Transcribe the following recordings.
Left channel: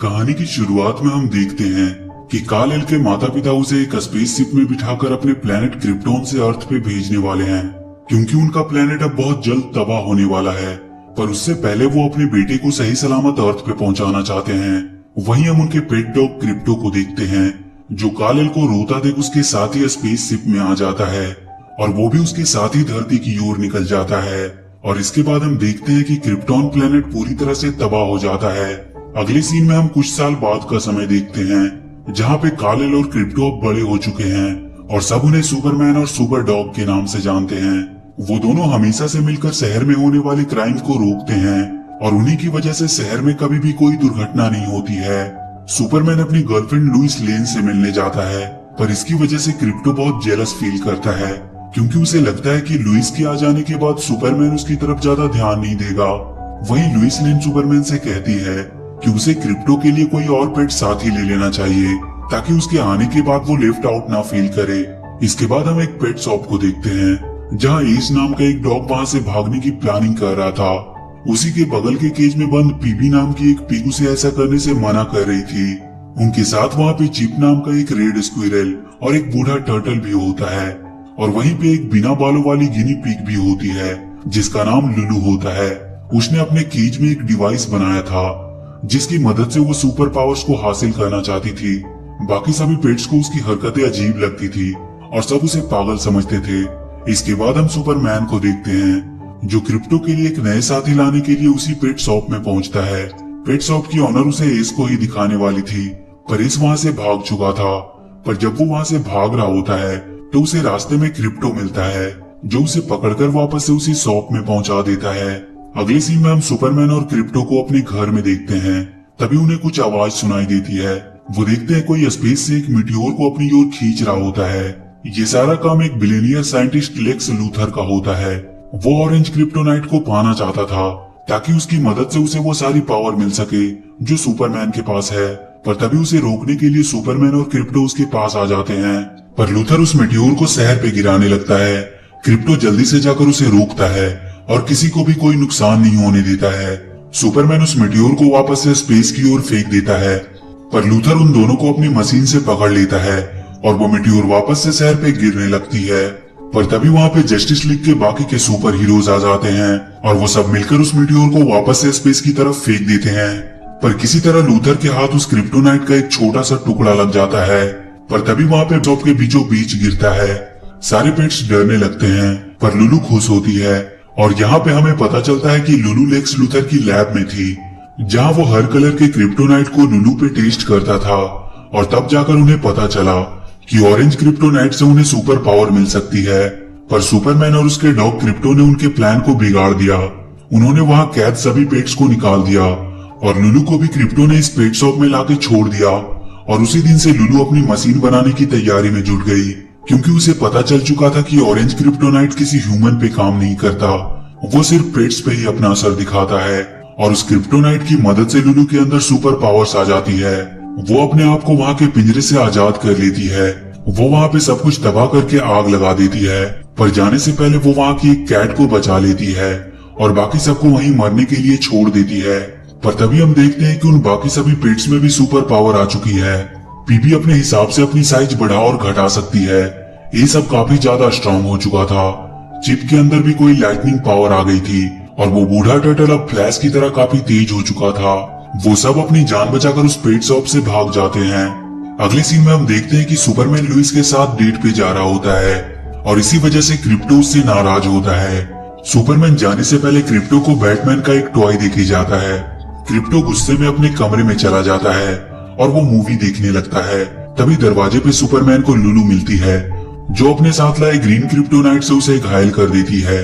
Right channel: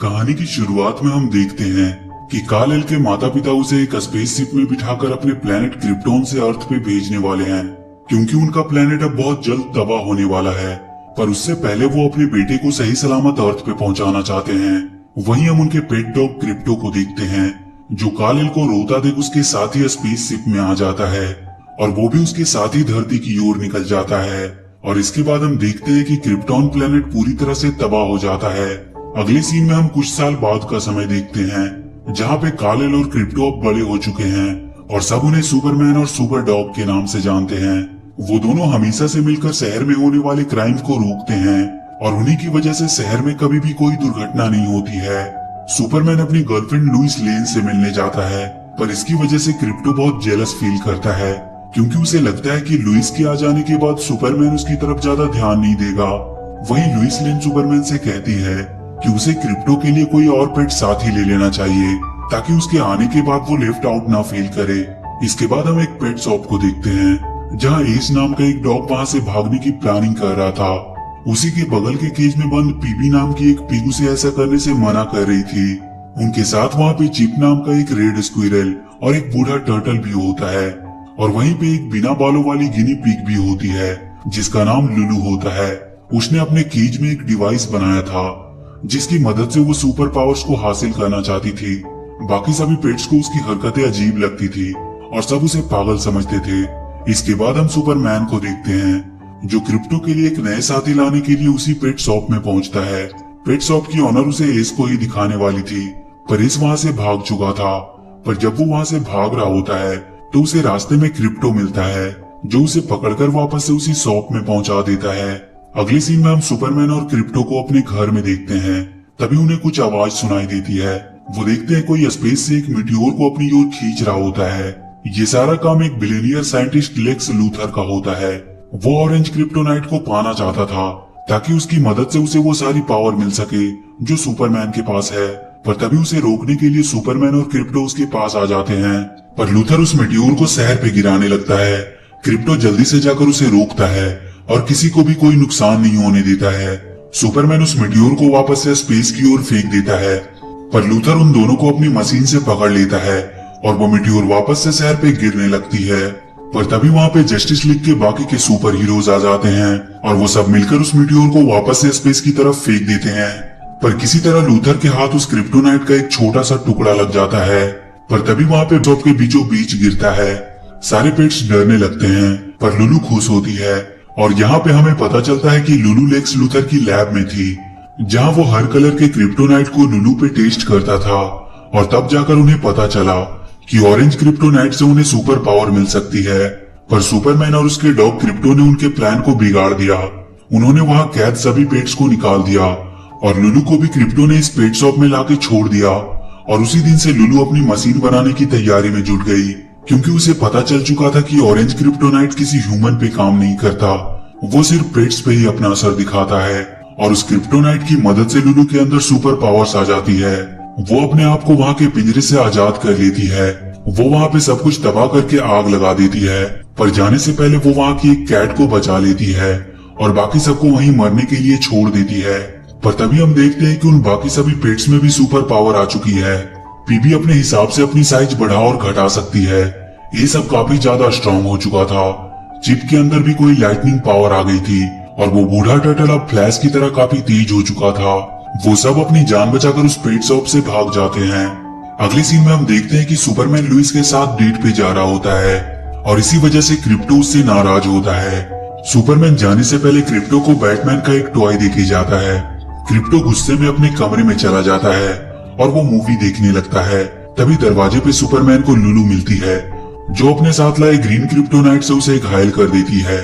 कहानी की शुरुआत में हम देखते हैं कि काल-एल के माता पिता उसे एक स्पेसशिप में बिठाकर अपने प्लेनेट क्रिप्टोन से अर्थ पे भेजने वाले हैं, क्योंकि उनका प्लेनेट अब बहुत जल्द तबाह होने वाला है। पर उससे पहले वो अपने बेटे को सही सलामत अर्थ पे पहुंचाना चाहते हैं। वहीं हम उनके पेट डॉग क्रिप्टो को देखते हैं, जो काल-एल को रोता देख उसके साथ ही स्पेसशिप में आ जाता है और वो भी उसके साथ ही धरती की ओर निकल जाता है। और इसके बाद हम देखते हैं कि क्रिप्टोन प्लेनेट पूरी तरह से तबाह हो जाता है। अगले सीन में हम कुछ साल बाद का समय देखते हैं, जहाँ पे काल-एल और क्रिप्टो अब बड़े हो चुके हैं और सब उन्हें सुपरमैन और सुपर डॉग के नाम से जानते हैं। वो दोनों हमेशा से मिलकर शहर में होने वाले क्राइम को रोकते हैं और उन्हीं की वजह से शहर में कभी भी कोई दुर्घटना नहीं होती है। सुपरमैन अपनी गर्लफ्रेंड लुइस लेन से मिलने जाता है, पर इसकी वजह से क्रिप्टो बहुत जेलस फील करता है, क्योंकि उसे लगता है कि लुइस के आ जाने के बाद सुपरमैन उसकी तरफ ज्यादा ध्यान नहीं देगा। वहीं लुइस लेन सुपरमैन से कहती है कि उसे क्रिप्टो के लिए कोई और पेट साथ ही ले लेना चाहिए, ताकि उसके आने के बाद वो लेफ्ट आउट ना फील करे। इसके बाद हम एक पेट शॉप को देखते हैं, जहाँ एस नाम का एक डॉग वहाँ से भागने की प्लानिंग कर रहा था। उसी के बगल के केज में बंद पीबी नाम की एक पीगू से ऐसा करने से मना कर रही थी। उनके साथ वहाँ पे चिप नाम का एक रेड स्क्विरल और एक बूढ़ा टर्टल भी होता है, और वहीं पे एक बिना बालों वाली गिनी पिग भी होती है, जिसका नाम लुलू होता है। उसने अपने केज में एक डिवाइस बनाया था, जिसकी मदद से वो सुपर पावर्स को हासिल करना चाहती थी। बाकी सभी पेट्स को उसकी हरकतें अजीब लगती थी और सब उसे पागल समझते थे। इसके बाद हम सुपरमैन को देखते हैं, जो क्रिप्टो के लिए एक नए साथी लाने के लिए उसी पेट शॉप में पहुंचता है। पेट शॉप की ऑनर उसे एस को ही दिखाने वाली थी, पर एस वहाँ से भाग चुका था। पर जब वो वहाँ से भाग रहा होता है तो उसे रास्ते में क्रिप्टो मिलता है, जो उसे पकड़कर वापस से उसी शॉप में पहुंचा देता है। अगले सीन में हम सुपरमैन और क्रिप्टो को अपने घर में देखते हैं। तभी उन्हें कुछ आवाज सुनाई देती है। वो देखते हैं कोई स्पेस से एक मीटियोर को अपनी ओर खींच रहा होता है। ये सारा काम एक बिलियनियर साइंटिस्ट लेक्स लूथर का होता है। वो ऑरेंज क्रिप्टोनाइट को पाना चाहता था, ताकि उसकी मदद से उसे वो सारी पावर मिल सके जो सुपरमैन के पास है। पर तभी उसे रोकने के लिए सुपरमैन और क्रिप्टो उसके पास आ जाते हैं, पर लूथर उस मेटियोर को शहर पे गिराने लगता है। क्रिप्टो जल्दी से जाकर उसे रोकता है और किसी को भी कोई नुकसान नहीं होने देता है। सुपरमैन उस मेटियोर को वापस से स्पेस की ओर फेंक देता है, पर लूथर उन दोनों को अपनी मशीन से पकड़ लेता है और वो मेटियोर वापस से शहर पे गिरने लगती है। पर तभी वहाँ पे जस्टिस लीग के बाकी के सुपर हीरोज आ जाते हैं और वो सब मिलकर उस मेटियोर को वापस से स्पेस की तरफ फेंक देते हैं। पर किसी तरह लूथर के हाथ उस क्रिप्टोनाइट का एक छोटा सा टुकड़ा लग जाता है। पर तभी वहाँ पे शॉप के बीचों बीच गिरता है। सारे पेट्स डरने लगते हैं, पर लुलू खुश होती है। और यहाँ पे हमें पता चलता है कि लुलू लेक्स लूथर की लैब में थी, जहाँ वो हर कलर के क्रिप्टोनाइट को लुलू पे टेस्ट करता था। और तब जाकर उन्हें पता चला कि ऑरेंज क्रिप्टोनाइट से उन्हें सुपर पावर मिल सकती है। पर सुपरमैन और उसके डॉग क्रिप्टो ने उनके प्लान को बिगाड़ दिया। उन्होंने वहाँ कैद सभी पेट्स को निकाल दिया और लुलू को भी क्रिप्टो ने इस पेट शॉप में लाके छोड़ दिया। और उसी दिन से लुलू अपनी मशीन बनाने की तैयारी में जुट गई, क्योंकि उसे पता चल चुका था कि ऑरेंज क्रिप्टोनाइट किसी ह्यूमन पे काम नहीं करता, वो सिर्फ पेट्स पे ही अपना असर दिखाता है। और उस क्रिप्टोनाइट की मदद से लुलू के अंदर सुपर पावर्स आ जाती है। वो अपने आप को वहाँ के पिंजरे से आजाद कर लेती है। वो वहाँ पे सब कुछ तबाह करके आग लगा देती है, पर जाने से पहले वो वहाँ की एक कैट को बचा लेती है और बाकी सबको वहीं मरने के लिए छोड़ देती है। पर तभी हम देखते हैं कि उन बाकी सभी पेट्स में भी सुपर पावर आ चुकी है। पीपी अपने हिसाब से अपनी साइज बढ़ा और घटा सकती है। ये सब काफी ज्यादा स्ट्रॉन्ग हो चुका था। चिप के अंदर भी कोई लाइटनिंग पावर आ गई थी और वो बूढ़ा टर्टल अब फ्लैश की तरह काफी तेज हो चुका था। वो सब अपनी जान बचाकर उस पेट शॉप से भाग जाते हैं। अगले सीन में हम देखते हैं कि सुपरमैन लुइस के साथ डेट पे जा रहा होता है और इसी वजह से क्रिप्टो उससे नाराज होता है। सुपरमैन जाने से पहले क्रिप्टो को बैटमैन का एक टॉय देके जाता है। क्रिप्टो गुस्से में अपने कमरे में चला जाता है और वो मूवी देखने लगता है। तभी दरवाजे पे सुपरमैन को लुलू मिलती है, जो अपने साथ लाए ग्रीन क्रिप्टोनाइट से उसे घायल कर देती है।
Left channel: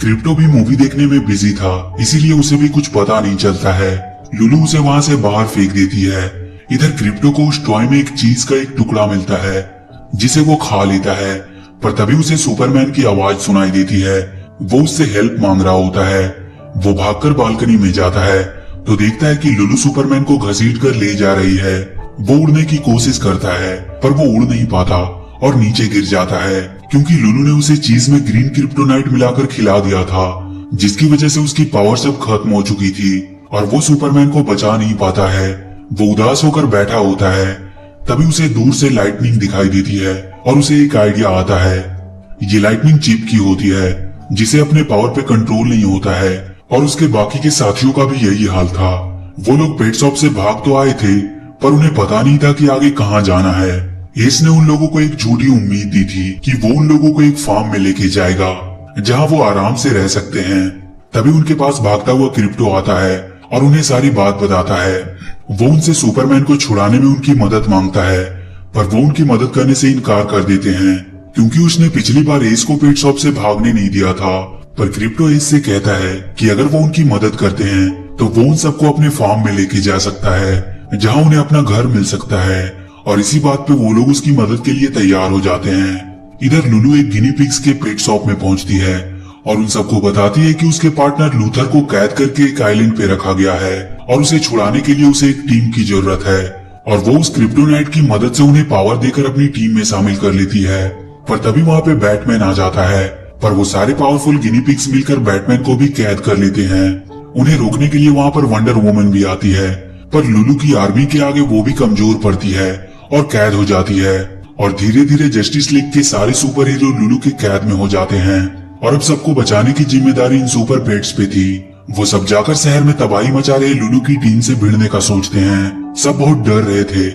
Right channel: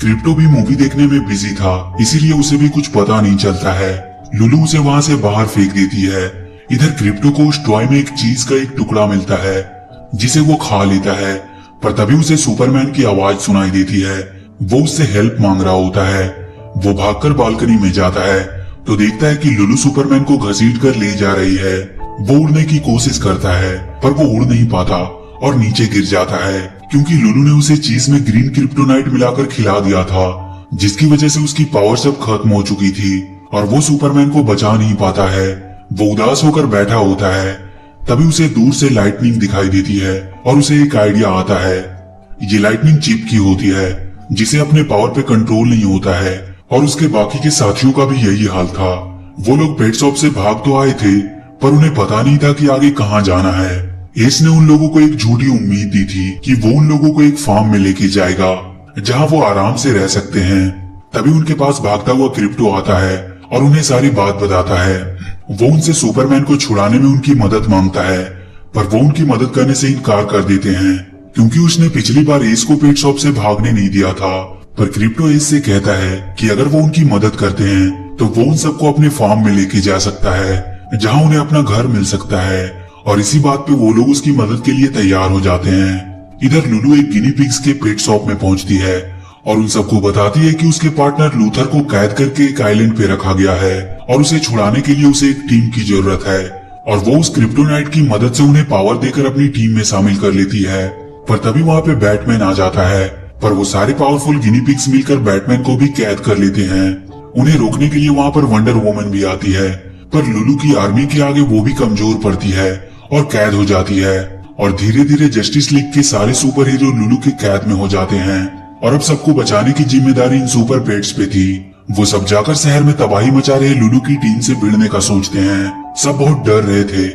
क्रिप्टो भी मूवी देखने में बिजी था, इसीलिए उसे भी कुछ पता नहीं चलता है। लुलू उसे वहाँ से बाहर फेंक देती है। इधर क्रिप्टो को उस टॉय में एक चीज का एक टुकड़ा मिलता है, जिसे वो खा लेता है। पर तभी उसे सुपरमैन की आवाज सुनाई देती है। वो उससे हेल्प मांग रहा होता है। वो भागकर बालकनी में जाता है तो देखता है कि लुलू सुपरमैन को घसीट कर ले जा रही है। वो उड़ने की कोशिश करता है, पर वो उड़ नहीं पाता और नीचे गिर जाता है, क्योंकि लुलू ने उसे चीज में ग्रीन क्रिप्टोनाइट मिलाकर खिला दिया था, जिसकी वजह से उसकी पावर सब खत्म हो चुकी थी और वो सुपरमैन को बचा नहीं पाता है। वो उदास होकर बैठा होता है। तभी उसे दूर से लाइटनिंग दिखाई देती है और उसे एक आइडिया आता है। ये लाइटनिंग चिप की होती है जिसे अपने पावर पे कंट्रोल नहीं होता है, और उसके बाकी के साथियों का भी यही हाल था। वो लोग पेट शॉप से भाग तो आए थे, पर उन्हें पता नहीं था कि आगे कहाँ जाना है। एस ने उन लोगों को एक झूठी उम्मीद दी थी कि वो उन लोगों को एक फार्म में लेके जाएगा जहाँ वो आराम से रह सकते हैं। तभी उनके पास भागता हुआ क्रिप्टो आता है और उन्हें सारी बात बताता है। वो उनसे सुपरमैन को छुड़ाने में उनकी मदद मांगता है, पर वो उनकी मदद करने से इनकार कर देते हैं क्योंकि उसने पिछली बार एस को पेट शॉप से भागने नहीं दिया था। पर क्रिप्टो एस से कहता है कि अगर वो उनकी मदद करते हैं तो वो उन सबको अपने फार्म में लेके जा सकता है जहाँ उन्हें अपना घर मिल सकता है, और इसी बात पे वो लोग उसकी मदद के लिए तैयार हो जाते हैं। इधर लुलू एक गिनी पिग्स के पेट शॉप में पहुंचती है और उन सबको बताती है कि उसके पार्टनर लूथर को कैद करके एक आइलैंड पे रखा गया है और उसे छुड़ाने के लिए उसे एक टीम की जरूरत है, और वो उस क्रिप्टोनाइट की मदद से उन्हें पावर देकर अपनी टीम में शामिल कर लेती है। पर तभी वहाँ पे बैटमैन आ जाता है, पर वो सारे पावरफुल गिनी पिग्स मिलकर बैटमैन को भी कैद कर लेते हैं। उन्हें रोकने के लिए वहाँ पर वंडर वुमन भी आती है, पर लुलू की आर्मी के आगे वो भी कमजोर पड़ती है और कैद हो जाती है, और धीरे धीरे जस्टिस लीग के सारे सुपर हीरो लुलू के कैद में हो जाते हैं। और अब सबको बचाने की जिम्मेदारी इन सुपर पेट्स पे थी। वो सब जाकर शहर में तबाही मचा रहे लुलू की टीम से भिड़ने का सोचते हैं। सब बहुत डर रहे थे,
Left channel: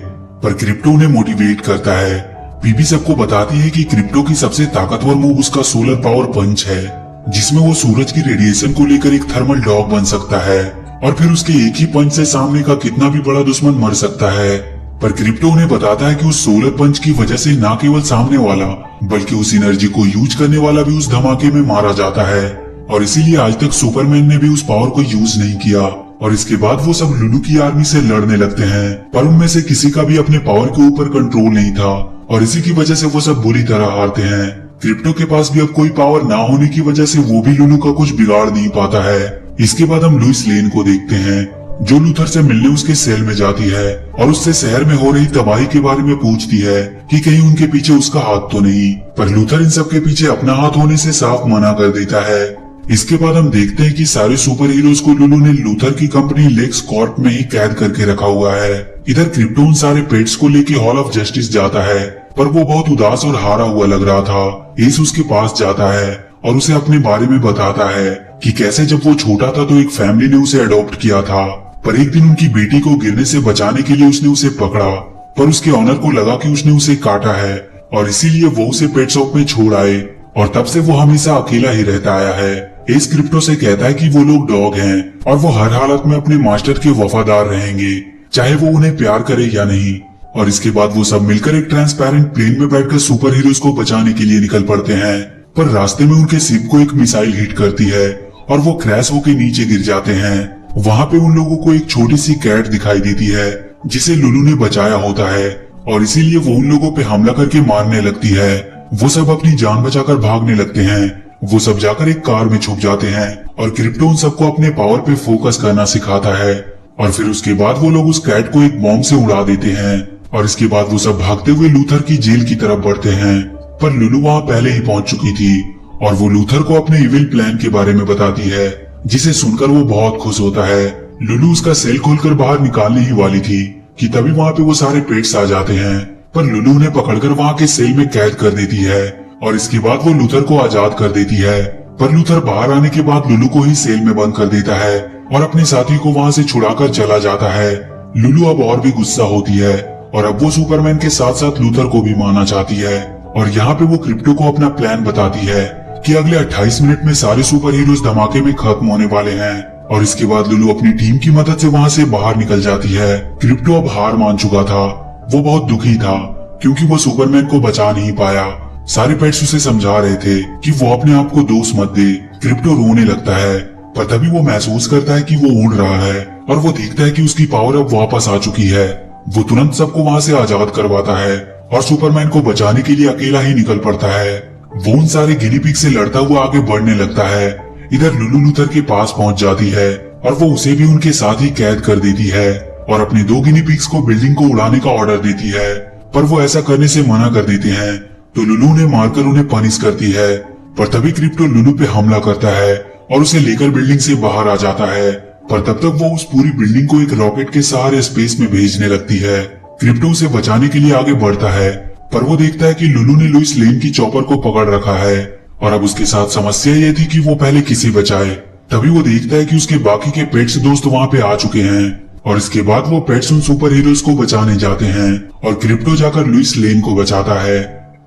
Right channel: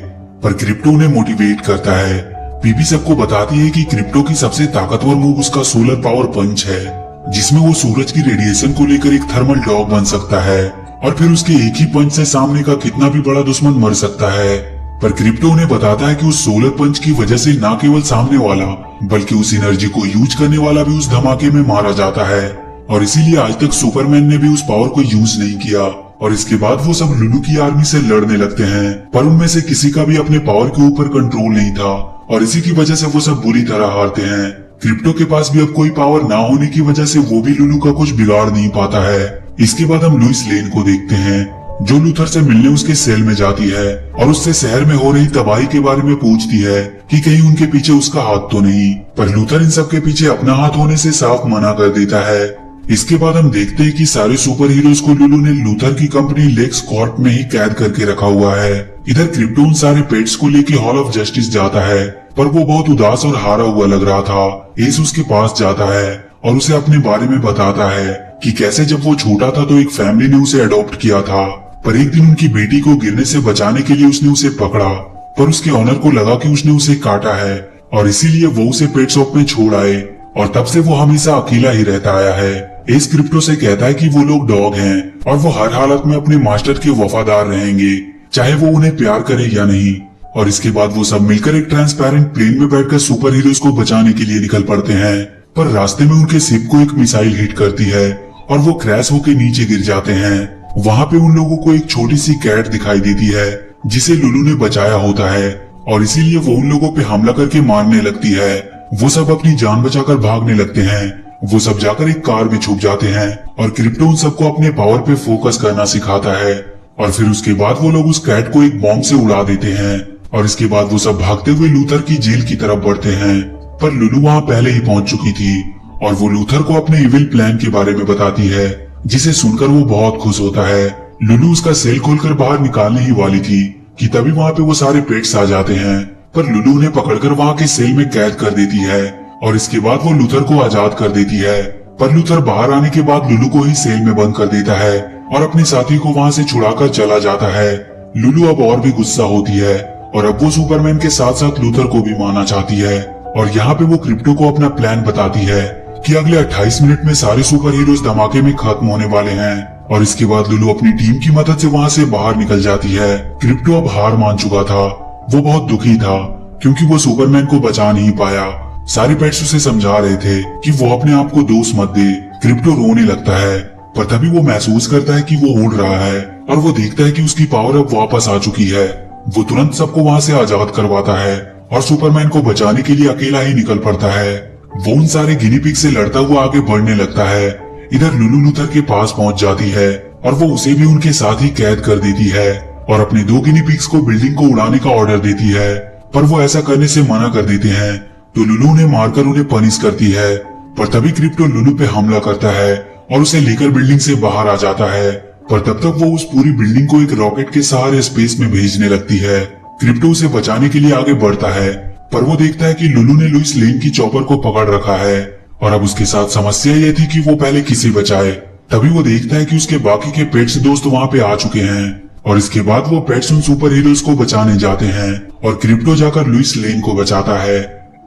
पर क्रिप्टो उन्हें मोटिवेट करता है। पीपी सबको बताती है कि क्रिप्टो की सबसे ताकतवर मूव उसका सोलर पावर पंच है, जिसमें वो सूरज की रेडिएशन को लेकर एक थर्मल डॉग बन सकता है, और फिर उसके एक ही पंच से सामने का कितना भी बड़ा दुश्मन मर सकता है। पर क्रिप्टो उन्हें बताता है कि उस सोलर पंच की वजह से न केवल सामने वाला बल्कि उस एनर्जी को यूज करने वाला भी उस धमाके में मारा जाता है, और इसीलिए आज तक सुपरमैन ने भी उस पावर को यूज नहीं किया। और इसके बाद वो सब लुलू की आर्मी से लड़ने लगते हैं, पर उनमें से किसी का भी अपने पावर के ऊपर कंट्रोल नहीं था, और इसी की वजह से वो सब बुरी तरह हारते हैं। क्रिप्टो के पास भी अब कोई पावर ना होने की वजह से वो भी लुलू का कुछ बिगाड़ नहीं पाता है। इसके बाद हम लुइस लेन को देखते हैं, जो लूथर से मिलने उसके सेल में जाती है और उससे शहर में हो रही तबाही के बारे में पूछती है कि कहीं उनके पीछे उसका हाथ तो नहीं। पर लूथर इन सब के पीछे अपना हाथ होने से साफ मना कर देता है। इसके बाद हम देखते हैं कि सारे सुपर हीरोज को लुलू ने लूथर की कंपनी लेक्स कॉर्प में ही कैद करके रखा हुआ है। इधर क्रिप्टो उन सारे पेट्स को लेके हॉल ऑफ जस्टिस जाता है, पर वो बहुत उदास और हारा हुआ लग रहा था। एस उसके पास जाता है और उसे अपने बारे में बताता है कि कैसे जब वो छोटा था तो एक फैमिली ने उसे अडॉप्ट किया था, पर एक दिन उनकी बेटी को गिरने से बचाने के लिए उसने उसे पकड़ा, पर उसके ऑनर को लगा कि उसने उसे काटा है, और इसीलिए वो उसे पेट शॉप में छोड़ आए, और तब से वो हमेशा अकेला ही रहता आया है। एस क्रिप्टो से कहता है कि वो लोग डॉग हैं और वो हर हालत में अपने मास्टर के वफादार रहेंगे, चाहे वो उन्हें प्यार करे या नहीं। और इसके बाद वो सब मिलकर एक ट्रांसपेरेंट प्लेन में बैठकर सुपर हीरोज को बचाने के लिए निकल पड़ते हैं, पर रास्ते में उनके शिप को एक मिसाइल हिट करती है और वो क्रैश होकर नीचे गिर जाते हैं। वहाँ पे उन लोगों को एक छोटी सी कैट दिखाई देती है जिसे लुलू ने बचाया होता है, और इसीलिए वो उन लोगों पे हमला करके मारने लगती है। वो सब अपनी जान बचाकर भागने लगते हैं। वो सब जाकर एक कार में छुप जाते हैं और क्रिप्टो उन सबको अपने पावर पे फोकस करना सिखाता है, और फिर उसके बाद वो लोग उस कैट को एक बॉम्ब से उड़ा देते हैं, और इसके बाद वो सब भागते हुए लूथर की जेल की तरफ बढ़ते हैं। पर लुलू वहाँ पहले ही पहुंच चुकी थी और वो लूथर को अपने इविल प्लान के बारे में बताती है, जिसे सुनकर वो बहुत खुश होता है। लुलू उसका सेल खोलकर बाहर निकालने ही वाली थी कि तभी वहाँ पे वो सारे पेट्स आ जाते हैं, पर लुलू उन्हें पकड़कर वहाँ के सेल में कैद कर देती है, और इसके बाद वो लूथर को आजाद कर देती है। पर लूथर बाहर आने के बाद लुलू को ही सेल में बंद कर देता है और अपने साथी को वहाँ से छुड़ाकर चला जाता है। लुलू अब और भी गुस्सा होती है और अब वो सुपरमैन के साथ साथ लूथर को भी मारना चाहती है, और यहाँ पे वो क्रिप्टो को अपना प्लान बताती है कि अगले 28 मिनट में सारे सुपर हीरोज धमाके में खत्म होने वाले हैं। और इसके बाद लुलू अपनी टीम की मदद से वहाँ से बाहर निकल जाती है। क्रिप्टो अब हार मान चुका था, वो बहुत दुखी था क्योंकि वो सुपरमैन को बचा नहीं पाया। सारे पेट्स उसे समझा रहे थे कि वो अपने आप को दोष मत दे। क्रिप्टो रोने लगता है, पर तभी वो महसूस करता है कि वो उड़ रहा है और वो देखता है कि उसकी पावर अब वापस आ चुकी है। वो तुरंत सबको वहाँ से आजाद करवाता है और सुपरमैन को बचाने के लिए अकेला ही निकल पड़ता है। वो उन सारे गिनी पिग से लड़ता हुआ आगे बढ़ने लगता है। इधर लुलू लूथर के पास पहुंच जाती है और वो उसे भी उनके साथ ही कैद कर देती है और अपने 2 गिनी पिग्स को बिल्डिंग को उड़ाने का ऑर्डर देती है, पर वो ऐसा करने से मना कर देते हैं, तो लुलू ने मारकर उन्हें पनिश करती है। पर तभी क्रिप्टो लुलू पे हमला करता है और उसे लेकर बिल्डिंग से बाहर आ जाता है। पर तब तक वो उस पूरी बिल्डिंग को एक रॉकेट के सहारे स्पेस में भेजने लगती है। क्रिप्टो उसे बचाने के लिए आगे बढ़ता है, पर वो देखता है कि लुलू ने लुइस लेन की चॉपर को पकड़ रखा है और अब उसके साथ समस्या ये थी कि वो पहले किसे बचाए। तभी वो देखता है कि उसके बाकी के पेट्स दोस्त वहाँ पे आ चुके हैं और इसके बाद वो पेट्स उन सुपर हीरोज को बचाने जाते हैं और क्रिप्टो जाकर लुइस लेन को बचाता है।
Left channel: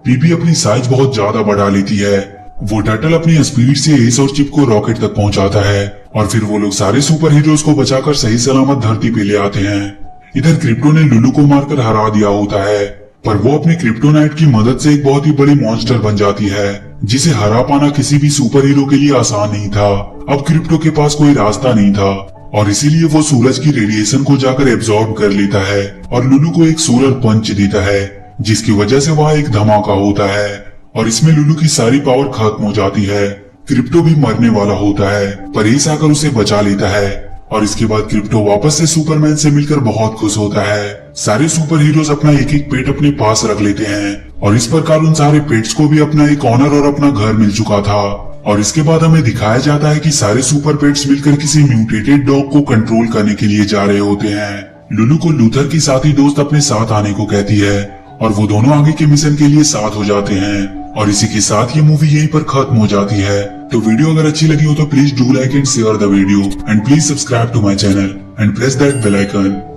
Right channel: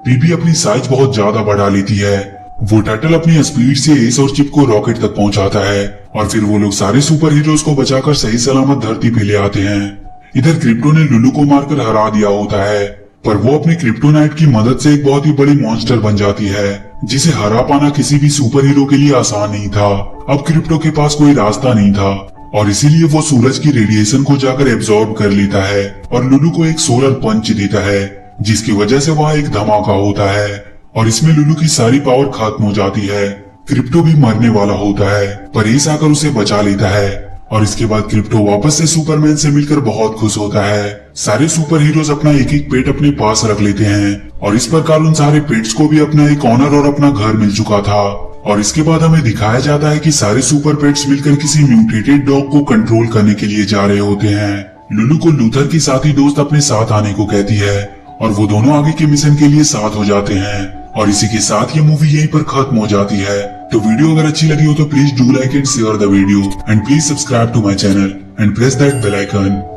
पीपी अपनी साइज बहुत ज्यादा बढ़ा लेती है। वो टर्टल अपनी स्पीड से एस और चिप को रॉकेट तक पहुंचाता है और फिर वो लोग सारे सुपर हीरोज को बचाकर सही सलामत धरती पे ले आते हैं। इधर क्रिप्टो ने लुलू को मारकर हरा दिया होता है, पर वो अपने क्रिप्टोनाइट की मदद से एक बहुत ही बड़े मॉन्स्टर बन जाती है जिसे हरा पाना किसी भी सुपर हीरो के लिए आसान नहीं था। अब क्रिप्टो के पास कोई रास्ता नहीं था और इसीलिए वो सूरज की रेडिएशन को जाकर एब्जॉर्ब कर लेता है और लुलू को एक सोलर पंच देता है, जिसकी वजह से वहाँ एक धमाका होता है और इसमें लुलू की सारी पावर खत्म हो जाती है। क्रिप्टो भी मरने वाला होता है, पर एस आकर उसे बचा लेता है और इसके बाद क्रिप्टो वापस से सुपरमैन से मिलकर बहुत खुश होता है। सारे सुपर हीरोज अपना एक एक पेट अपने पास रख लेते हैं और इस प्रकार उन सारे पेट्स को भी अपना एक ऑनर और अपना घर मिल चुका था। और इसके बाद हमें दिखाया जाता है कि सारे सुपर पेट्स मिलकर किसी म्यूटेटेड डॉग को कंट्रोल करने के लिए जा रहे होते हैं। लुलू को लूथर की साथी दोस्त अपने साथ आने को कहती है और वो दोनों आगे के मिशन के लिए साथ हो जाते हैं और इसी के साथ ये मूवी यहीं पर खत्म हो जाती है। तो वीडियो अगर अच्छी लगी हो तो please do like and share the video and please subscribe to my channel and press that bell icon.